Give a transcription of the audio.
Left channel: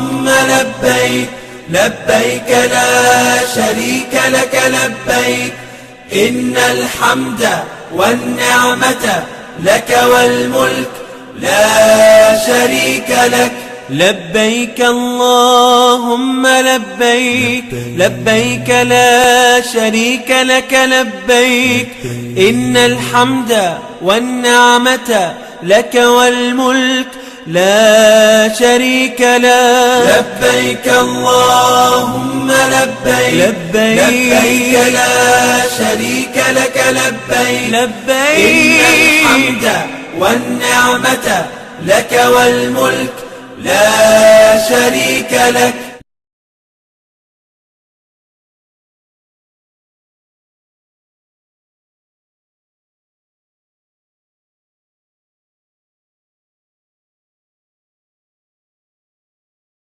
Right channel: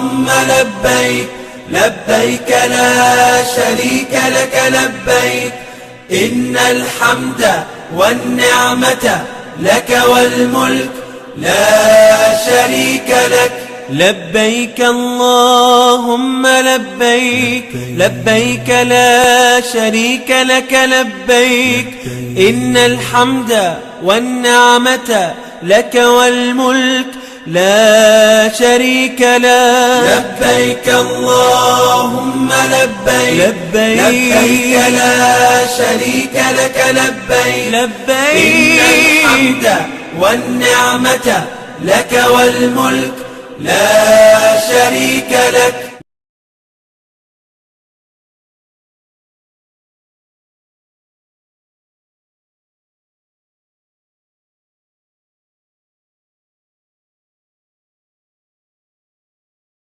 اللهم لبيك لبيك لا شريك لك لبيك إن الحمد والنعمة لك والملك لا شريك لك. لبيك اللهم لبيك لبيك لا شريك لك لبيك إن الحمد والنعمة لك والملك لا شريك لك. لبيك اللهم لبيك لبيك لا شريك لك لبيك لبيك إن الحمد والنعمة لك والملك لا شريك لك.